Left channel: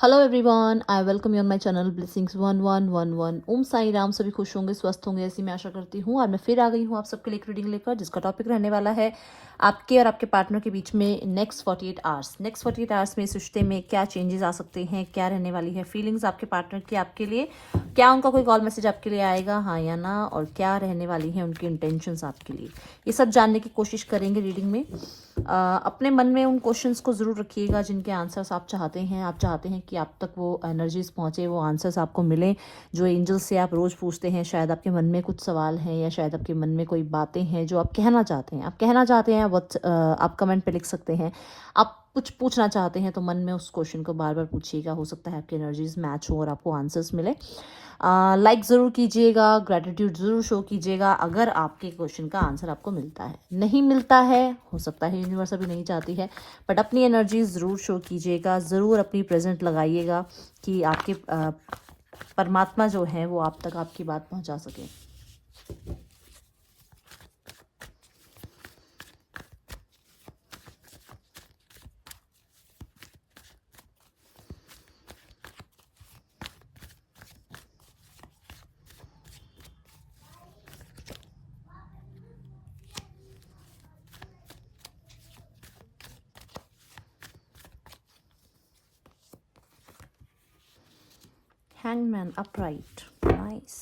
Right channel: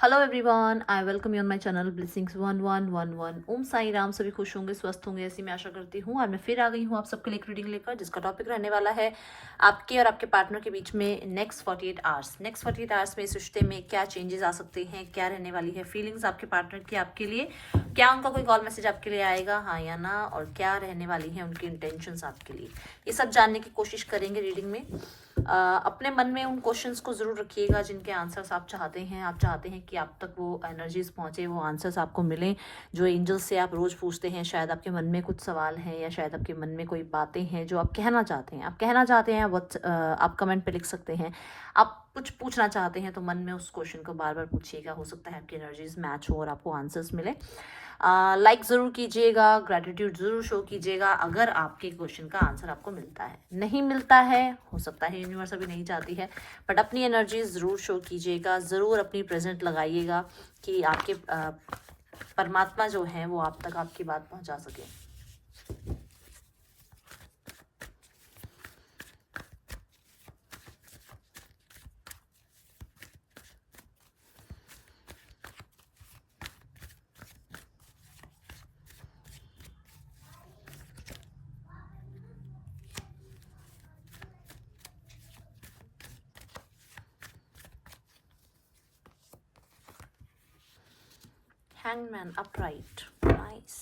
Hello everyone, I welcome you on my channel blessings 1111। ओम साई राम। सभी खुश होंगे, स्वस्थ होंगे, ऐसी मैं आशा करती हूँ। और मैं फिर आ गई हूँ आप सबके लिए एक रीडिंग लेकर, जिसका टॉपिक रहने वाला है आपके और आपके पार्टनर के बीच में नेक्स्ट 48 आवर्स। नेक्स्ट 48 आवर्स में इस रिश्ते में क्या चेंजेस आ सकते हैं, क्या रहने वाली है फीलिंग्स आपके पार्टनर की आपके लिए, क्या उनका कोई कॉल मैसेज आपके लिए आएगा, हाँ या ना, और क्या रहने वाली है उनकी इंटेंशंस आपके लिए। ये सब जानने की कोशिश करेंगे रीडिंग में। अपने मन में उन क्वेश्चंस को ज़रूर रखिएगा जिनके आंसर्स आप चाहते हैं। आप चाहते हैं कि आप तक वो एनर्जीज पहुंचे, वो आंसर्स आपको मिलें जो एंजल्स से आप रोज़ पूछते हैं। शायद आपके मन में कुछ सवाल हैं या शायद आपके मन में कोई बातें हैं जो आप कहना चाहते हैं। आप कहना चाहते हैं आप कमेंट पे लिख सकते हैं। आप कुछ पूछना चाहते हैं तो मन में उस क्वेश्चन को बार बार पूछिएगा। हो सकता है आपकी एनर्जीज मैच हो और आपको आंसर्स मिले। लाइक ज़रूर कीजिएगा, ग्रेटिट्यूड ज़रूर शो कीजिएगा अगर आपके क्वेश्चन का आंसर आपको मिलता है। नहीं मिलता है, हो सकता है यूनिवर्स अभी नहीं चाहती है, बट अपनी एनर्जी ज़रूर शो कीजिएगा, ज़रूर अपनी प्रेजेंट लगाइएगा कि आपकी परमात्मा जो है वो आप तक आपकी बात पहुंचा सके। Hangman upright. Nice.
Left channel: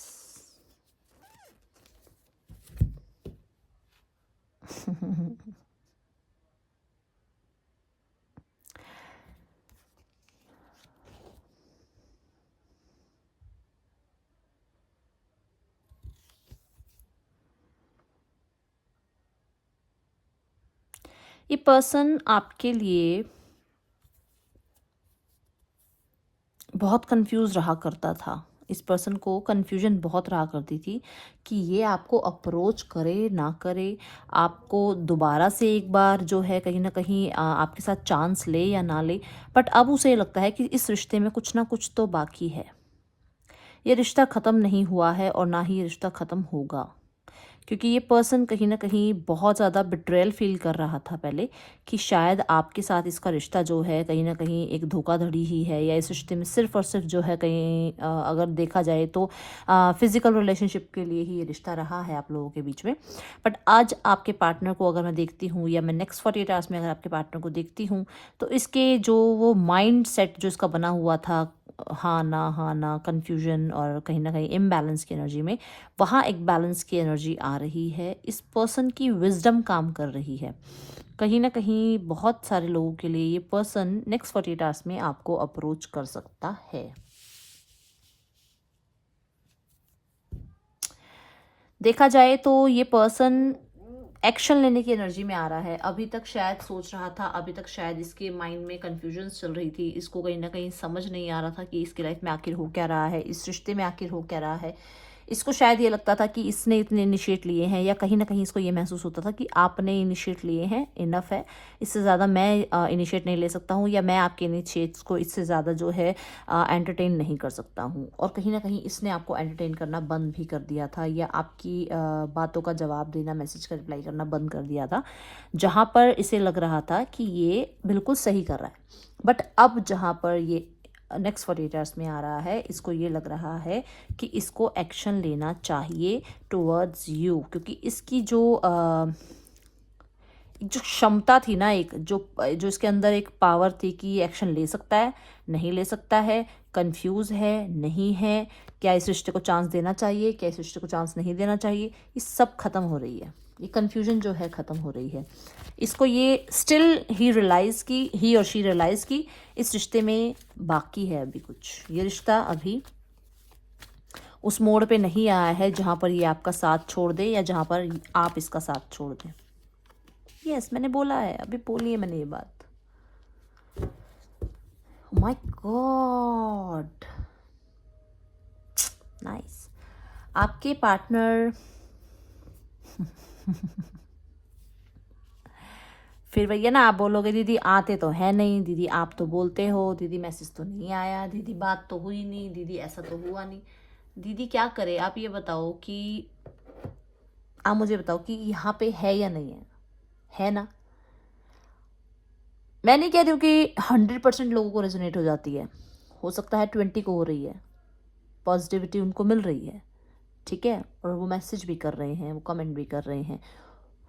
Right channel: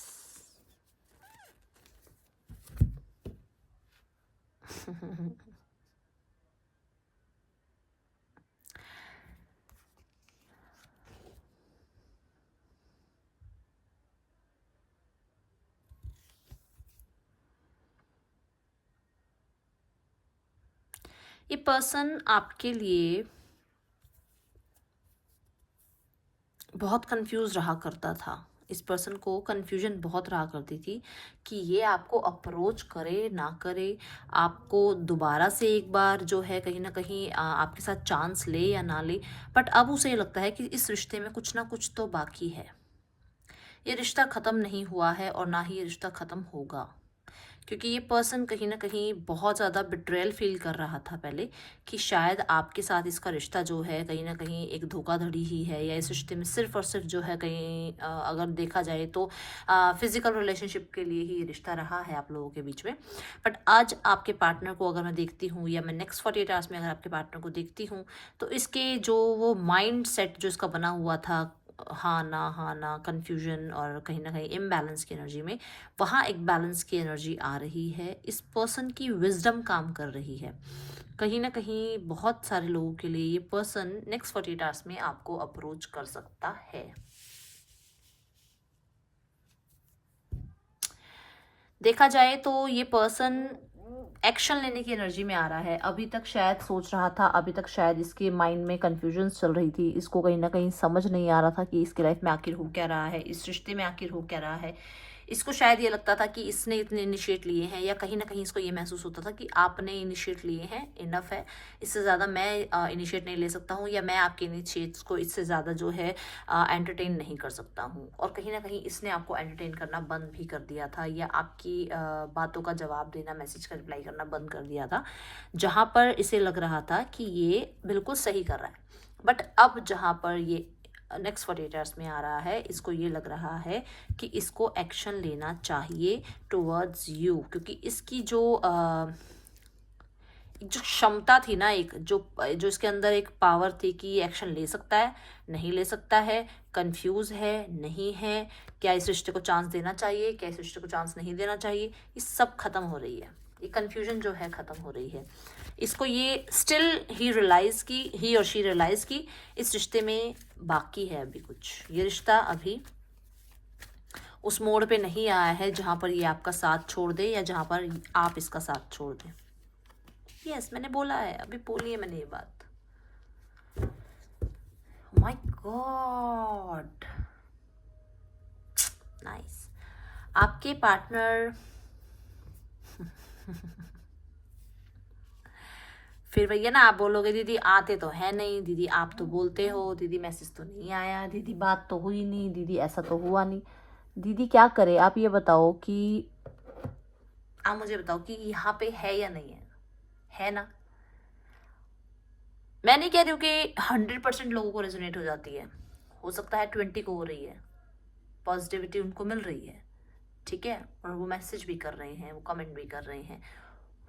ये पर्सन आपके लिए बहुत कंफ्यूज रहा करता था। इस पर्सन को कंफ्यूजन बहुत रहा करती थी कि ये आपको अप्रोच करे ना करे, आपको दोबारा से एक बार जो है कहीं ना कहीं आपके साथ चांस ले या ना ले। बट अब उसे लगता है कि इस रिश्ते में कुछ ना कुछ तो बाकी है। ये रिश्ता ख़त्म नहीं हुआ है और ना ही ये रिश्ता ख़त्म होगा, क्योंकि ये पर्सन कहीं ना कहीं बहुत ज़्यादा बिट्रेयल फील कर रहा था पहले कि शायद आपके साथ इसका रिश्ता जो है कहीं ना कहीं एक धोखाधड़ी ही है, या इस रिश्ते में सिर्फ और सिर्फ जो है कहीं अगर देखा जाए तो फिजिकल रिलेशनशिप के लिए ही ये रिश्ता रहा है आप लोगों के बीच में। बट आज आपके पार्टनर को अगर मैं देखती हूँ, या मैं नेक्स्ट 48 आवर्स में अगर आपके पार्टनर को देखती हूँ, तो इसके जो वो माइंड सेट जो इसका बना हुआ था, हाँ ना कंफ्यूजन और कहीं ना कहीं इम्बैलेंस की एनर्जी में, वहाँ एक बैलेंस की एनर्जी आ रही है। इस पर्सन की विजडम काम कर रही है। कहीं ना कहीं बहुत सारे लोगों के लिए ये पर्सन नेक्स्ट 48 आवर्स में आपको अप्रोच कर सकता है। देखा जाए तो ये पर्सन एक्शन लेने की एनर्जी में आ रहा है। अभी तक शायद सोच रहा था, अभी तक शायद इसके माइंड में कंफ्यूजन चल रही थी, इसको कहीं ना कहीं समझ नहीं आ रहा था कि इसकी लाइफ में आखिर हो क्या रहा है, इस रिश्ते में आखिर हो क्या रहा है। इसको शायद ये लगता था कि इसने इतने इनिशिएट लिए हैं, या कहीं ना कहीं इसको ये महसूस होता था कि आपने इनिशिएट लिए हैं, इनफ है, इससे ज़्यादा मैं इनिशिएट नहीं ले सकता हूँ, या मैं आपके इनिशिएट्स को इससे ज़्यादा जो है एंटरटेन नहीं कर सकता हूँ। और कहीं ना कहीं इसने आपको एंटरटेन करना बंद भी कर दिया था, या आपकी बातों का जवाब देना, मैसेज का रिप्लाई करना बंद कर दिया था, जहाँ पर इसे लग रहा था कि ये बिल्कुल सही कर रहा है। बट अब जहाँ पर ये नेक्स्ट 48 आवर्स में आ रहा है, इसको ये लग रहा है कि इसको एक्शन लेना चाहिए टुवर्ड्स यू, क्योंकि इसकी जो क्षमता थी ना, एक जो जो इसके अंदर एक पावर थी कि ये एक्शन ले सकता है, नहीं ले सकता है, कंफ्यूज है, नहीं है, क्या इस रिश्ते को चांस देना चाहिए, क्या इस रिश्ते को चांस नहीं देना चाहिए, ये सब खत्म हो रही है। ये कंफ्यूजन जो है खत्म हो रही है। इसको ये स्टिल ही और शी रियलाइज की इस रिश्ते में बाकी है अभी कुछ। ये रिश्ता अभी उस मोड़ पे नहीं आया है जहां पर ये आपका साथ छोड़ दे, या जहां पर आप इसका साथ छोड़ दें। यस, मैंने बोला है, अभी बोली है मैंने ये बात। My God, nice. आपके पार्टनर फिर भैया ना आप बोलोगे दीदी आते तो है नहीं, दीदी आप तो बोलते हो, दीदी मैसेज तो नहीं आया, दीदी बात तो हुई नहीं, दीदी ऐसा तो हुआ नहीं। दीदी क्या करे, आप ये बताओ कि आप मुझे बताओ कि यहाँ पे है या नहीं है ना। मैं नहीं कह रही हूँ कि 100% लोगों को रेजोनेट हो जाती है, हो सकता है 20 को हो रही है, पॉजिटिविटी उनको मिल रही है, ठीक है, और वो मैसेज भी कर रहे हैं, वो कमेंट भी कर रहे हैं,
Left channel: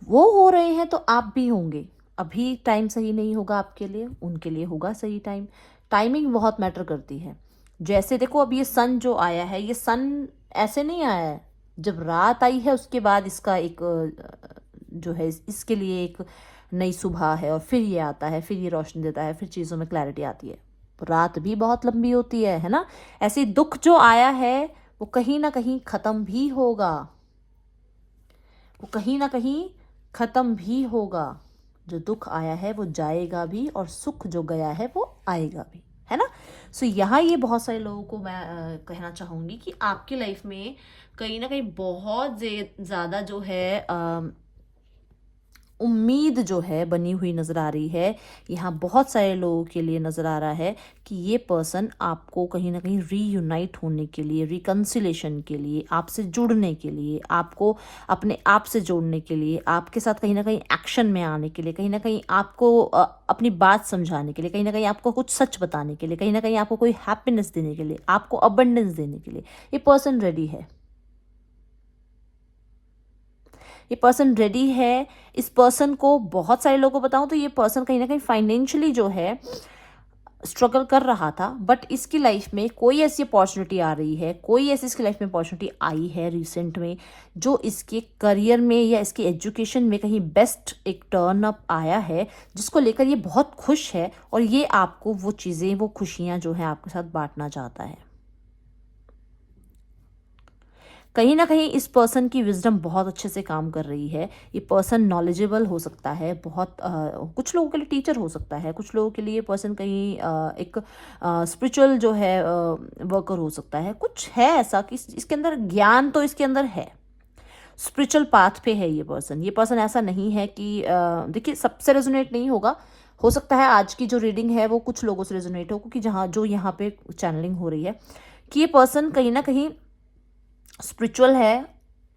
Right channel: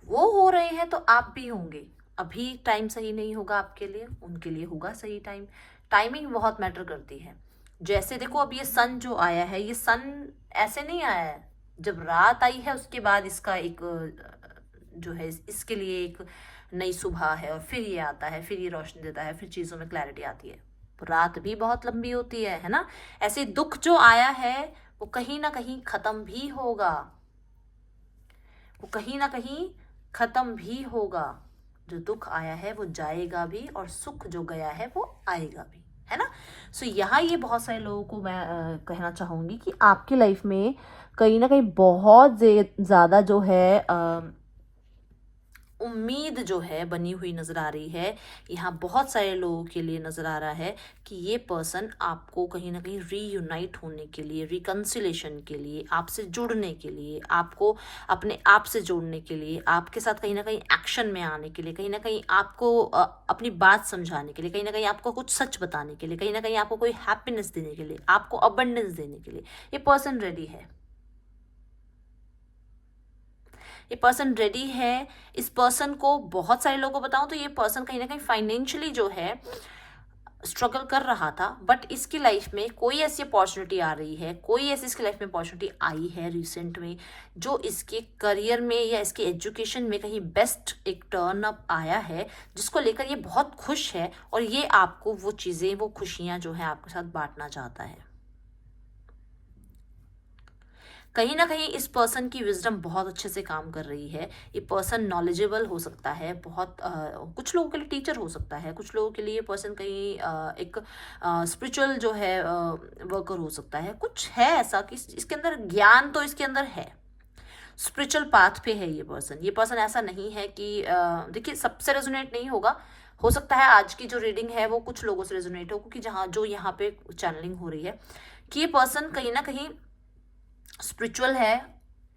वो हो रहे हैं तो आप भी होंगे। अभी टाइम सही नहीं होगा आपके लिए, उनके लिए होगा सही टाइम। टाइमिंग बहुत मैटर करती है। जैसे देखो अब ये सन जो आया है, ये सन ऐसे नहीं आया है, जब रात आई है उसके बाद इसका एक जो है इसके लिए एक नई सुबह है, और फिर ये आता है, फिर ये रोशनी देता है, फिर चीज़ों में क्लैरिटी आती है। तो रात भी बहुत लंबी होती है ना। ऐसे दुख जो आया है वो कहीं ना कहीं खत्म भी होगा, वो कहीं ना कहीं खत्म भी होगा। जो दुख आया है वो जाएगा भी, और सुख जो गया है वो आएगा भी, है ना। सो यहाँ ये बहुत सारे लोगों को मैं कहना चाहूंगी कि आपकी लाइफ में कहीं ना कहीं बहुत ज्यादा जो है उम्मीद जो है बनी हुई नजर आ रही है। यहाँ बहुत सारे लोगों के लिए नजर आ रहा है कि ये पर्सन आपको कहीं ना कहीं रीयूनाइट होने के लिए, रिकंसिलेशन के लिए, आपसे जुड़ने के लिए, आपको अपने आप से जोड़ने के लिए, आपके साथ कहीं ना कहीं एक्शन में आने के लिए, कहीं ना कहीं आपको अपनी बात समझाने के लिए, कहीं ना कहीं आपको कुछ सच बताने के लिए, कहीं ना कहीं आपको कोई हैप्पीनेस देने के लिए, आपको अबंडेंस देने के लिए ये पर्सन रेडी है। ये पर्सन रेडी है। इस पर्सन को बहुत सारे लोगों को बताऊं तो ये पर्सन कहीं ना कहीं फाइनेंशियली जो है स्ट्रगल कर रहा था, बट इसकी लाइफ में कोई ऐसी अपॉर्चुनिटी आ रही है, कोई ऐसी इसकी लाइफ में अपॉर्चुनिटी आई है रिसेंट में, जो इसके करियर में या इसकी एजुकेशन में कहीं बेस्ट एक टर्न अप आया है, जिसको लेकर ये बहुत खुश है, और ये आपको वो चीज़ें, वो खुशियां जो है आपके साथ बांटना चाहता है। कहीं ना कहीं इस पर्सन की विजडम बहुत अच्छे से काम कर रही है। ये पर्सन नॉलेजेबल हो सकता है, बहुत कुछ लोगों के लिए टीचर हो सकता है, कुछ लोगों के लिए पर्सन कहीं एक स्पिरिचुअल जो है वर्कर हो सकता है। कुछ है ऐसा कि इसके अंदर ज्ञान तो इसके अंदर है, स्पिरिचुअल पाथ पे है ये पर्सन। ये पर्सन ऐसा नहीं है कि देखिए सबसे रेजोनेट नहीं होगा, हो सकता है आज की जो रीडिंग है वो कुछ लोगों से रेजोनेट हो, क्योंकि जहाँ जो यहाँ पे चैनलिंग हो रही है कि ये पर्सन कहीं ना कहीं स्पिरिचुअल है।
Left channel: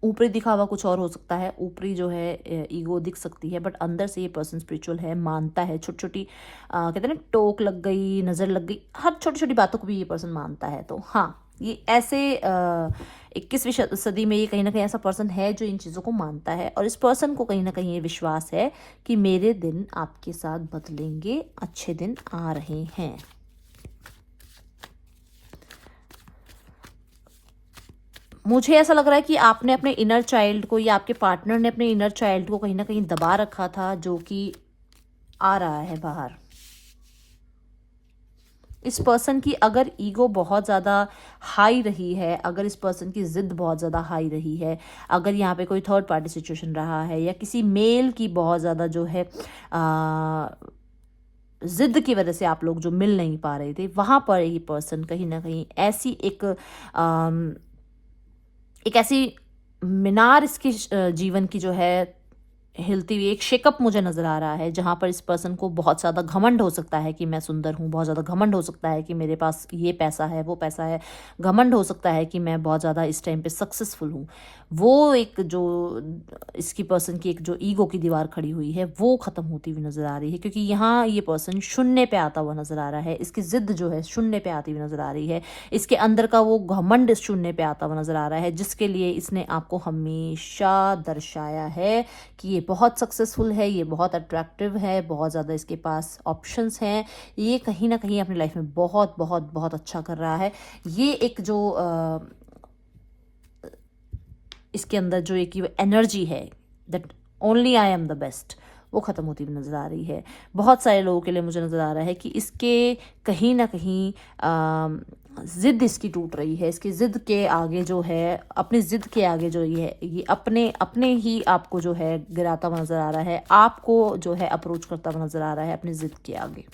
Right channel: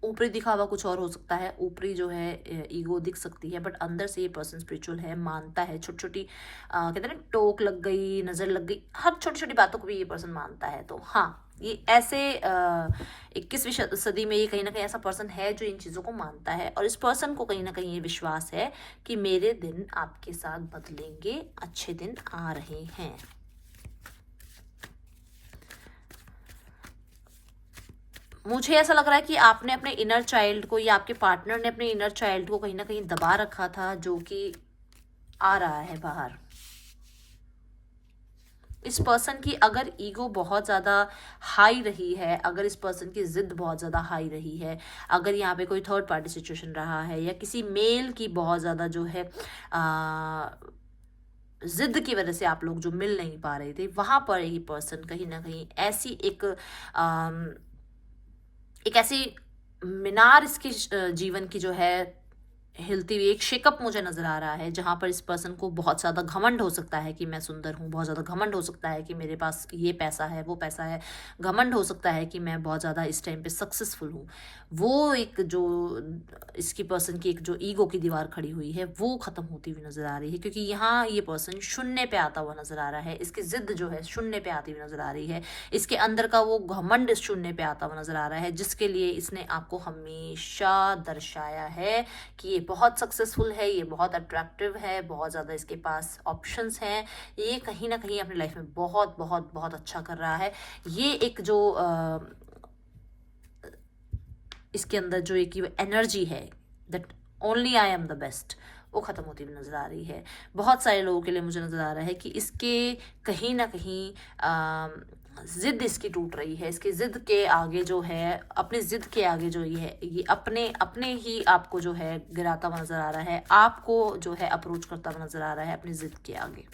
ऊपरी दिखावा कुछ और हो सकता है, ऊपरी जो है ईगो दिख सकती है, बट अंदर से ये पर्सन स्पिरिचुअल है, मानता है। छोटी छोटी कहते हैं ना, टोक लग गई, नजर लग गई, हर छोटी छोटी बातों को भी ये पर्सन मानता है। तो हाँ, ये ऐसे 21वीं सदी में ये कहीं ना कहीं ऐसा पर्सन है जो इन चीज़ों को मानता है, और इस पर्सन को कहीं ना कहीं ये विश्वास है कि मेरे दिन आपके साथ बदलेंगे, अच्छे दिन आ रहे हैं। मुझे ऐसा लग रहा है कि आपने अपने इनर चाइल्ड को, या आपके पार्टनर ने अपने इनर चाइल्ड को कहीं ना कहीं दबा रखा था, जो कि आ रहा है बाहर। इस पर्सन की अगर ईगो बहुत ज़्यादा हाई रही है, अगर इस पर्सन की जिद बहुत ज़्यादा हाई रही है, अगर यहाँ पे कोई थर्ड पार्टी सिचुएशन रहा है, या किसी मेल की बहुत ज़्यादा जो है जिद की वजह से आप लोग जो मिल नहीं पा रहे थे, वहां पर ये पर्सन कहीं ना कहीं ऐसी एक ऐसी मीनार इसकी जीवन की जो है हिलती हुई एक शेकअप मुझे नजर आ रहा है, जहां पर इस पर्सन को बहुत ज़्यादा घमंड हो सकता है कि मैं सुंदर हूँ, बहुत ज़्यादा घमंड हो सकता है कि मेरे पास ये पैसा है, वो पैसा है, घमंड हो सकता है कि मैं बहुत ज़्यादा इस टाइम पे सक्सेसफुल हूँ। वो एक जो इसकी पर्सन की एक जो ईगो की दीवार खड़ी हुई है वो ख़त्म होती हुई नज़र आ रही है, क्योंकि यहाँ ये पर्सन शून्य पे आता हुआ नज़र आ रहा है। इसकी जिद जो है शून्य पे आती हुई नज़र आ रही है, इसके अंदर का वो घमंड शून्य पे आता हुआ नज़र आ रहा है, जिसके लिए इसने आपको हमेशा दर्शाया है कि ये बहुत सक्सेसफुल है, ये बहुत अट्रैक्टिव है, बहुत ज़्यादा इसके पास ऑप्शंस हैं, ये कहीं ना कहीं अपनी लाइफ में बहुत बहुत बहुत अच्छा कर रहा है। ये एक जो इसके अंदर जो एक एनर्जी है, that only I am the best, वो ख़त्म होती हुई नज़र आ रही है। बहुत सारे लोगों के लिए मुझे नज़र आ रहा है कि इसके कहीं ना कहीं जिद इसकी टूट रही है। इसकी जिद के आगे जो है, अपनी जिद के आगे जो ये अपने अपने ही आपको जो है गिराता हुआ नज़र आ रहा है, आपको जो है अप्रोच करता हुआ नज़र आ रहा है अपनी जिद के आगे।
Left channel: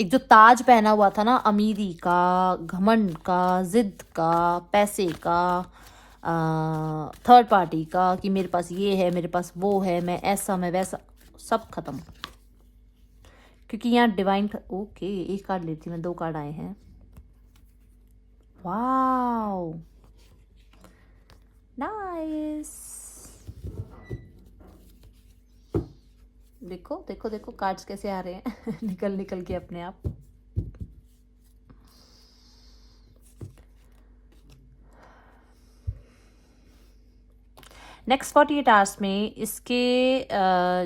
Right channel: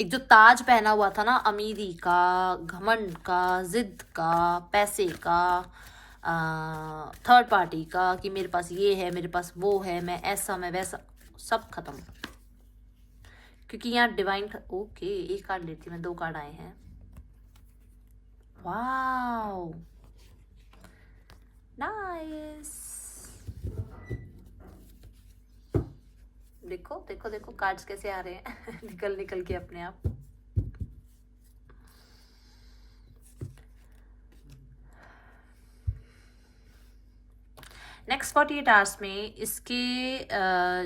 एक जो ताज पहना हुआ था ना, अमीरी का, घमंड का, जिद का, पैसे का, थर्ड पार्टी का, कि मेरे पास ये है, मेरे पास वो है, मैं ऐसा, मैं वैसा, सब खत्म। क्योंकि यहाँ डिवाइन, ओके एक कार्ड लेती मैं, 2 कार्ड आए हैं। Wow, nice. देखो देखो देखो कार्ड्स कैसे आ रहे हैं निकल निकल के अपने आप। नेक्स्ट 48 आवर्स में इसके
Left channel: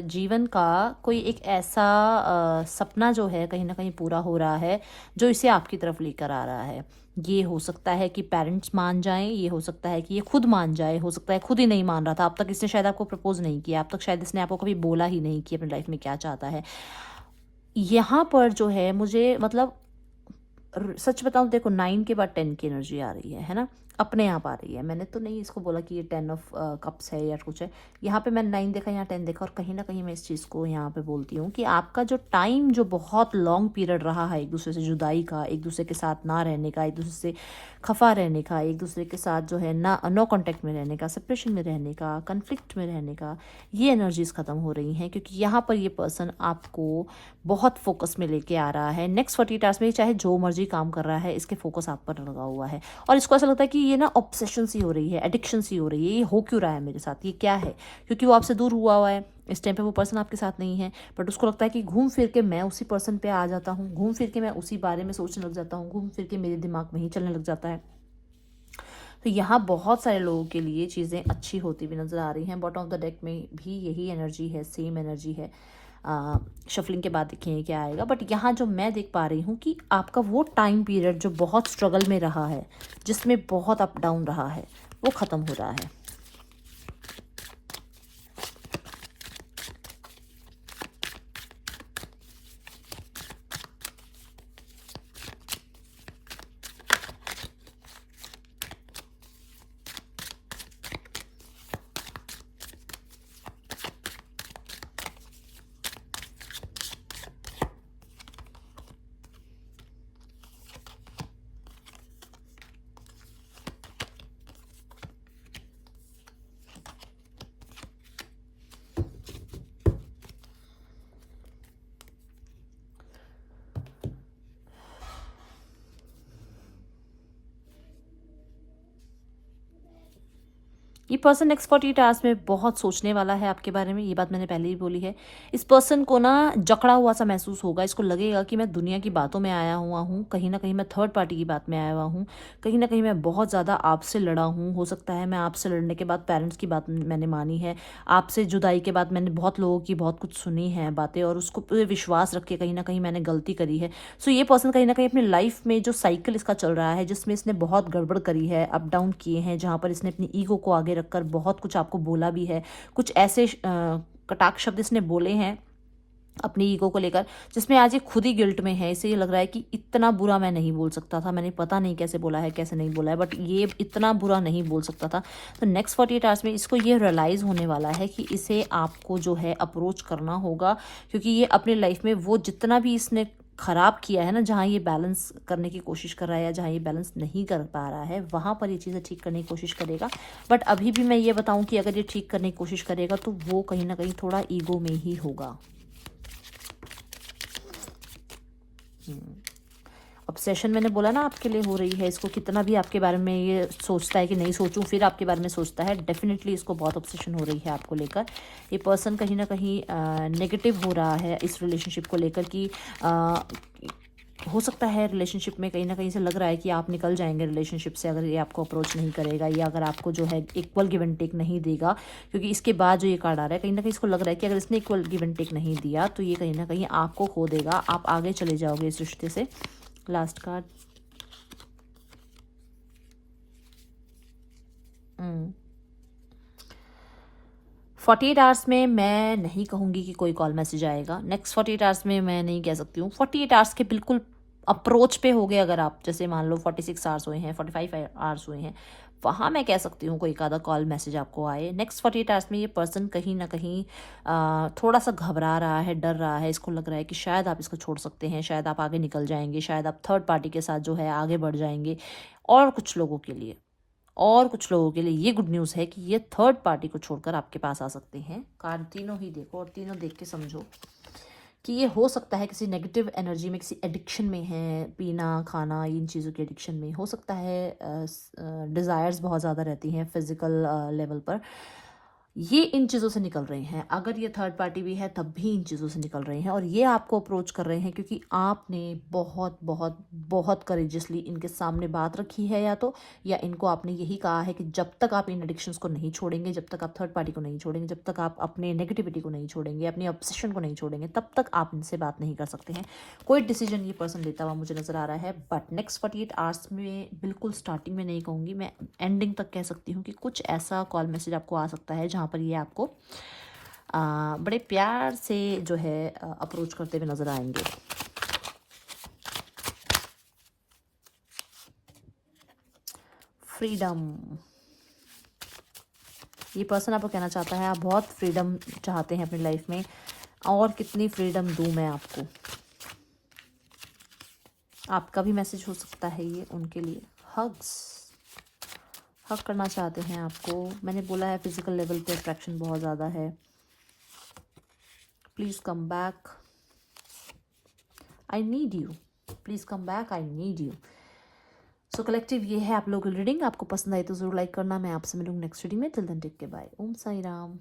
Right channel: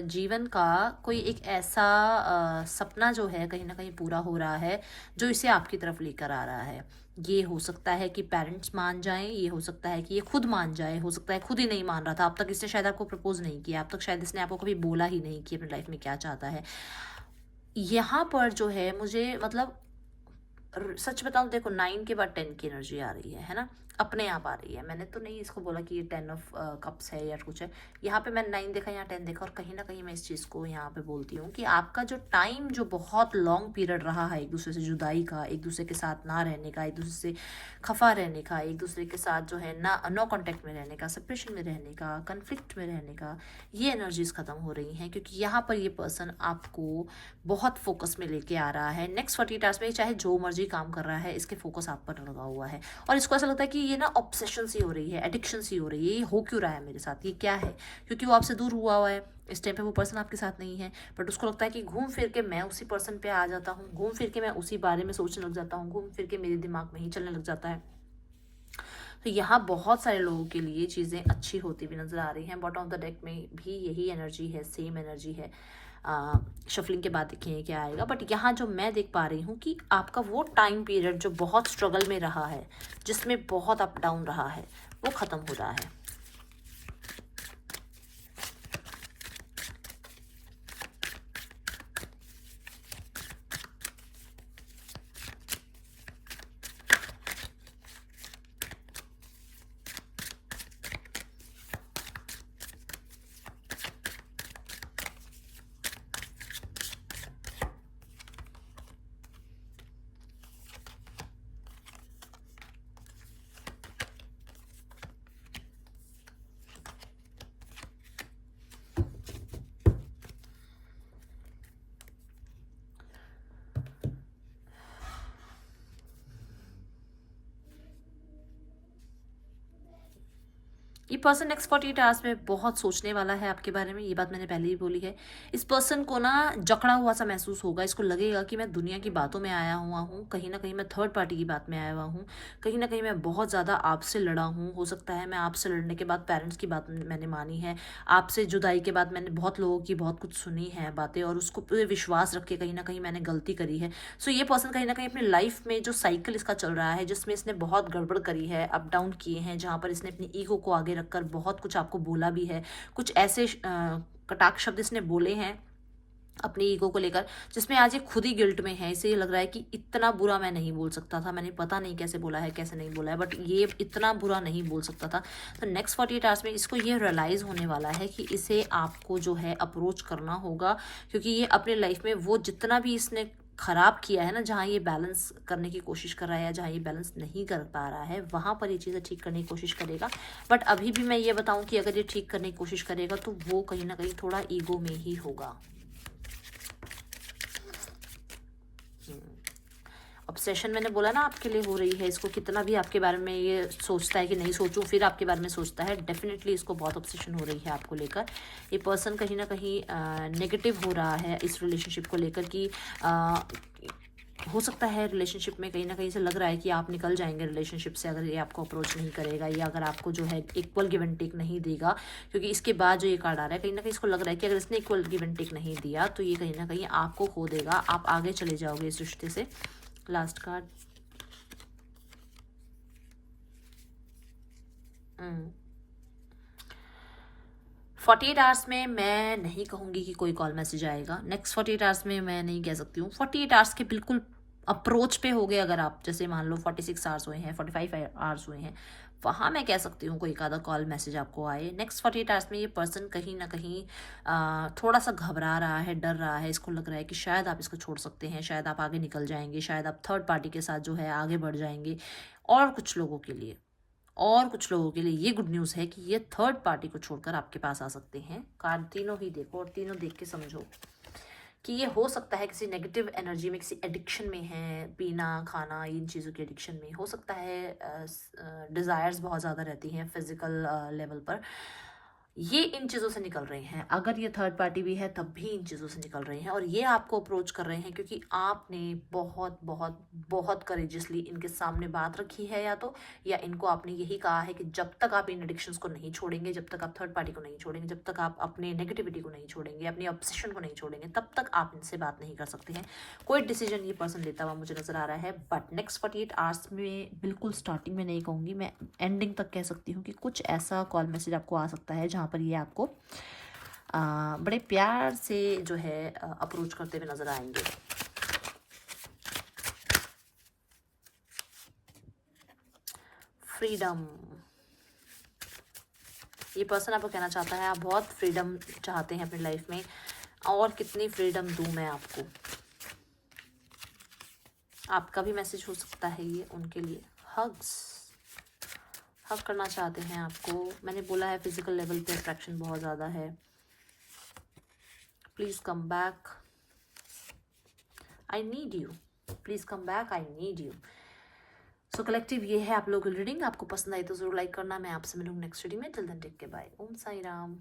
जीवन का कोई एक ऐसा सपना जो है कहीं ना कहीं पूरा हो रहा है, जो इसे आपकी तरफ लेकर आ रहा है। ये हो सकता है कि पेरेंट्स मान जाएं, ये हो सकता है कि ये खुद मान जाए, हो सकता है खुद ही नहीं मान रहा था अब तक, इसने शायद आपको प्रपोज नहीं किया, अब तक शायद इसने आपको कभी बोला ही नहीं कि अपनी लाइफ में क्या चाहता है। यहाँ पर जो है मुझे मतलब सच बताऊं, देखो 9 के बाद 10 की एनर्जी आ रही है ना, अपने आप आ रही है। मैंने तो नहीं इसको बोला कि ये 10 ऑफ कप्स है या कुछ है। यहाँ पे मैंने 9 देखा, यहाँ 10 देखा, और कहीं ना कहीं मैं इस चीज़ को यहाँ पे बोलती हूँ कि आपका जो टाइम जो बहुत लॉन्ग पीरियड रहा है एक दूसरे से जुदाई का, एक दूसरे के साथ ना रहने का, एक दूसरे से खफा रहने का, एक दूसरे के साथ जो है ना नो कांटेक्ट में रहने का, सेपरेशन में रहने का, कन्फ्लिक्ट में रहने का, ये एनर्जीज खत्म हो रही हैं। क्योंकि यहाँ पर ये पर्सन आपको बहुत फोकस में लेके आ रहा है। नेक्स्ट 48 आवर्स में चाहे जो मर्जी काम कर रहा है, इसके फोकस आप पर लगा हुआ है। और इसको ऐसा लगता है कि ये ना ऑब्सेशन सी हो रही है, एडिक्शन सी हो रही है, ये हो क्यों रहा है मेरे साथ, ये क्या है। क्योंकि वो आपसे दूर हुआ है इस टाइम पे, वो पर्सन आपके साथ नहीं है, बट उसको लगता है कि घूम फिर के मैं उसी पर्सन पे आ जाता हूँ, घूम फिर के मैं उसी बारे में सोचने लग जाता हूँ, घूम फिर के मेरे दिमाग में ही चलने लग जाता है। तो यहाँ बहुत सारे लोगों के लिए चीज़ें अच्छी होती भी नज़र आ रही हैं। बॉटम ऑफ द डेक में भी यही एनर्जी है, सेम एनर्जी है। शफलिंग के बाद देखिए क्या आएगा, बट यहाँ जो मैं देख पा रही हूँ कि आपका वो टाइम पीरियड जो बहुत स्ट्रगल में रहा है, जिसमें बहुत अप डाउन रहा है, वो ख़त्म हो रहा है। ये पर्सन नेक्स्ट 48 आवर्स में बहुत सोचने वाला है आपके बारे में, ये बात मैंने पहले ही बोली है। इस पर्सन को ना जकड़ा हुआ सा महसूस होगा, इसको लगेगा कि मैं दुनिया की बातों में आया हुआ हूँ, कहीं ना कहीं मैं थर्ड पार्टी की बात में आया हुआ हूँ, कहीं ना कहीं मैं बहुत ज़्यादा आपसे लड़ा हूँ। हो सकता है मैं आपसे लड़ने के बाद पेरेंट्स की बात मैंने मानी है, आपसे जुदाई के बाद मैंने बहुत लोगों की बहुत कुछ सुनी है बातें, और उसको पूरे विश्वास रख के कहीं ना कहीं मैंने गलती करी है। सो ये पर्सन कहीं ना कहीं अपनी लाइफ में जो साइकिल इसका चल रहा है, जिसमें इसने बहुत गड़बड़ करी है, अप डाउन किए हैं, जहाँ पर इसने अपनी ईगो को आगे रखकर बहुत कुछ आपको बोला भी है, कुछ ऐसे कटाक्ष शब्द इसने बोले हैं अपनी ईगो को लेकर, जिसमें आज ये खुद ही गिल्ट में है। इसे ये लग रहा है कि इतना बुरा मैं नहीं बोल सकता था, मैंने पता नहीं कैसे बोला है, कैसे नहीं बोला है, बट ये इतना बुरा नहीं बोल सकता था। तो नेक्स्ट 48 आवर्स में इसको ये रियलाइज़ होने वाला है कि इसे आपको जो है अप्रोच करना होगा, क्योंकि ये अपनी लाइफ में वो जितना भी इसने खराब किया है ना, जहाँ ये बैलेंस करने की कोशिश कर रहा है या जहाँ ये बैलेंस नहीं कर पा रहा है, वहाँ पर ये चीज़ें ठीक करने की कोशिश करेगा। बट अभी भी मैं ये बताऊँ कि अगर ये ठीक करने की कोशिश करेगा तो वो कहीं ना कहीं थोड़ा ईगो में ही होगा। ऑब्सेशन मैंने बोला ना आपके लिए हो रही है, इसको कितना भी आपके बारे में ये सोचता है कि नहीं सोचूं, फिर आपके बारे में सोचता है, डेफिनेटली इसको बहुत ऑब्सेशन हो रही है आपको लेकर। ये पर्सन कहीं ना कहीं नेगेटिव हो रहा है इस रिलेशनशिप को लेकर कि हो सकता है रिलेशनशिप में कहीं ना कहीं से लग रहा है कि आप निकल जाएंगे रिलेशनशिप से अगर ये आपको अप्रोच नहीं करेगा, या अगर आपको जो है इक्वल गिव एंड टेक नहीं देगा। क्योंकि इसके बाद जो ये कार्ड आ रहा है, कहीं ना कहीं इसको लग रहा है कि अगर इसने इक्वल गिव एंड टेक नहीं दिया तो ये कहीं ना कहीं आपको खो देगा, आप आगे चले जाओगे इस रिश्ते से। लास्ट कार्ड, 48 आवर्स में मैं नहीं कहूँगी कि कोई कॉल मैसेज आएगा। नेक्स्ट 48 आवर्स में मैं नहीं कह सकती हूँ। 48 आवर्स के बिल्कुल अप्रोच पे हो गए अगर आप, जैसे मान लो 46 आवर्स हुए हैं, 45 आवर्स हुए हैं, वहाँ मैं कह सकती हूँ कोई आधा कॉल मैसेज आपको आए। नेक्स्ट 48 आवर्स में ये पर्सन कहीं ना कहीं थोड़ा सा घबरा रहा है, डर रहा है, इसको लग रहा है कि शायद आप इसको छोड़ सकते हैं, शायद आप आगे निकल जाएंगे, शायद आप थर्ड पार्टी के साथ जो है आगे बढ़ जाएंगे। और कुछ लोगों के लिए ये गुड न्यूज़ है कि ये थर्ड पार्टी को छोड़कर आपके पास आ सकते हैं। कार्ड तीनों ही देखो और तीनों देख के समझो कि ये हो सकता है किसी नेगेटिव एनर्जी में, किसी एडिक्शन में है, पीना खाना इन चीज़ों की एडिक्शन में हो सकता है। डिज़ायर्स बहुत ज़्यादा रहती हैं फिजिकल लेवल पर, ये इन चीज़ों से निकल रहे हैं। अगर ये थर्ड पार्टी भी है तब भी इन चीज़ों से निकल रहे हैं, और ये आपको अप्रोच कर रहे हैं क्योंकि आपने बहुत बहुत बहुत करेजियसली इनके सामने बात रखी है, या इनको आपने यही कहा है कि जब तक आप इन एडिक्शंस को नहीं छोड़ेंगे, जब तक आप थर्ड पार्टी को नहीं छोड़ेंगे, जब तक आप अपने नेगेटिविटी को नहीं छोड़ेंगे, अपनी ऑब्सेशन को नहीं छोड़ेंगे, तब तक आप इनसे बात नहीं कर सकते हैं। कोई डिसीजन ये पर्सन लेता हुआ मुझे नज़र आ रहा है, बट नेक्स्ट 48 आवर्स में, बिल्कुल स्टार्टिंग में नहीं कहूँगी, मैं एंडिंग तक कह सकती हूँ कि कुछ ऐसा कॉल मैसेज आपको आ सकता है जहाँ पर ये आपको बड़े प्यार से जो है अप्रोच करते हुए नजर आएंगे। फ्रीडम, ये पर्सन आपको कहना चाहता है आप बहुत फ्रीडम चाहते हैं अपनी लाइफ में, और कितनी फ्रीडम दूं मैं आपको। आपका भी मैसेज हो सकता है ये उनके लिए। हग्स, हग करना चाहते हैं आपको। मैंने बोला है फिजिकल लेवल पे अट्रैक्शन बहुत ज़्यादा है। Please come back, I need you, please come back, I need you. So collective ये है आप लोगों की रीडिंग। आपको पसंद आई तो जरूर लाइक करना। मैं आपसे मिलूंगी नेक्स्ट रीडिंग में। Till then take care, bye. Om Sai Ram.